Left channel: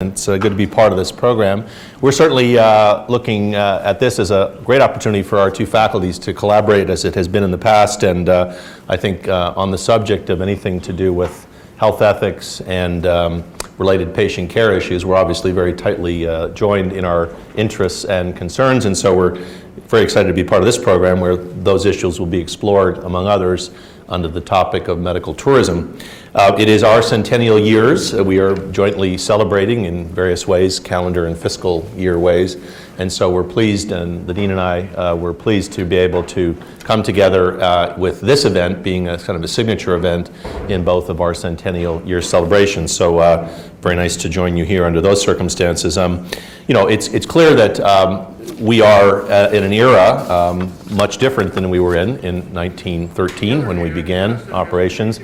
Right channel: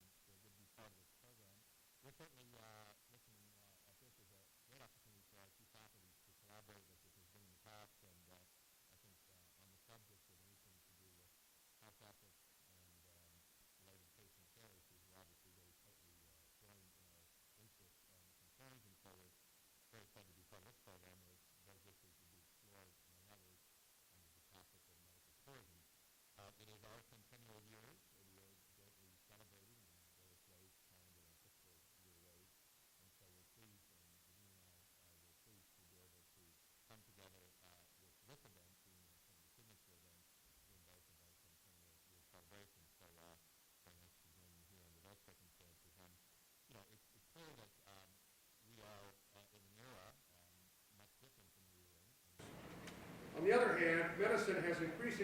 It's good to be part of this program. We're certainly looking at this as a great opportunity for our two faculties to collaborate as it has been in the past, and I think on the subject of anything to do with health ethics and related patient care issues, we're obviously very tightly joined in our interests and concerns, and so we're very excited to be part of this program where those issues will be explored, among others, under the topic of medical tourism. It is our centennial years. We are jointly celebrating in various ways, calendar and fiscal year ways, and so we're pleased, and the Dean and I were pleased to be able to come together with this event being a kind of a signature event in both of our centennial year celebrations. So very nice to join you here under those circumstances. You know, it's clear that we are in an era much different than we were in 1913 when we began operations.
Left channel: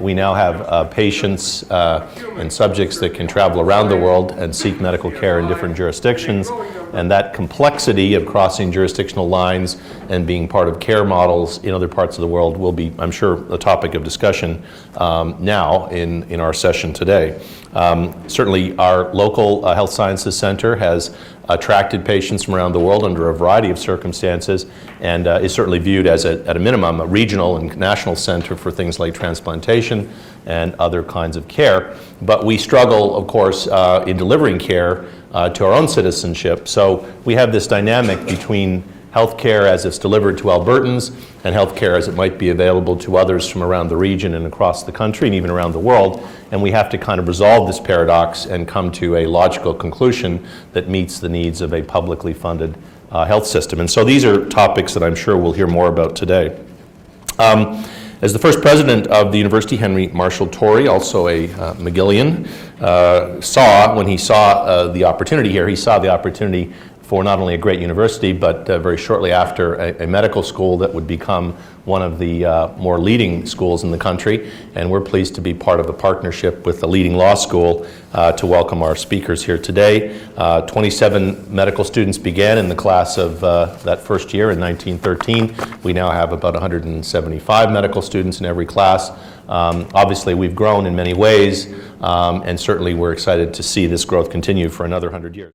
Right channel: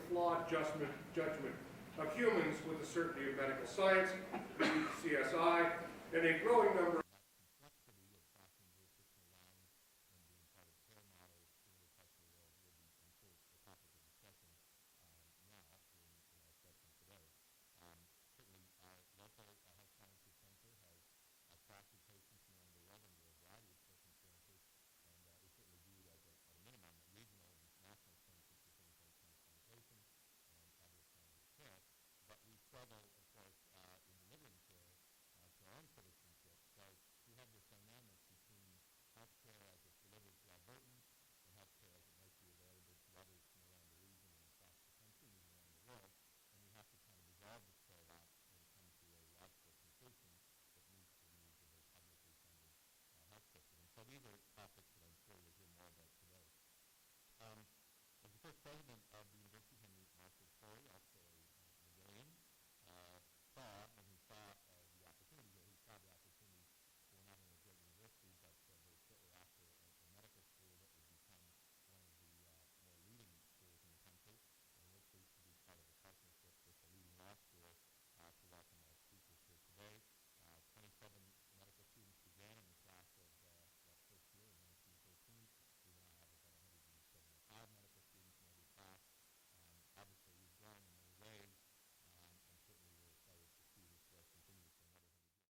We now have patients and subjects that can travel around the world and seek medical care in different jurisdictions, and that complexity of crossing jurisdictional lines and being part of care models in other parts of the world will be, I'm sure, a topic of discussion now in our session today. Certainly our local Health Sciences Center has attracted patients from around the world under a variety of circumstances, and is certainly viewed as, at a minimum, a regional and national center for things like transplantation and other kinds of care. But we struggle, of course, in delivering care to our own citizenship. So we have this dynamic between healthcare as it's delivered to Albertans and healthcare as it might be available to others from around the region and across the country and even around the world. And we have to kind of resolve this paradox and come to a logical conclusion that meets the needs of a publicly funded health system. And so these are topics that I'm sure we'll hear more about today. As the first president of the university, Henry Marshall Torrey, also a McGillian, saw, when he saw the opportunity here, he saw the opportunity for not only a great university, but very shortly after a medical school that would become one of the more leading schools in the country. And we're pleased to be part of a partnership with the leading law school to welcome our speakers here today. 27 medical students began in the class of that first year in 1913. We now have about 175 medical students in every class. Obviously, we've grown in many ways, and certainly we're excited to see this growth continue for another 100 years.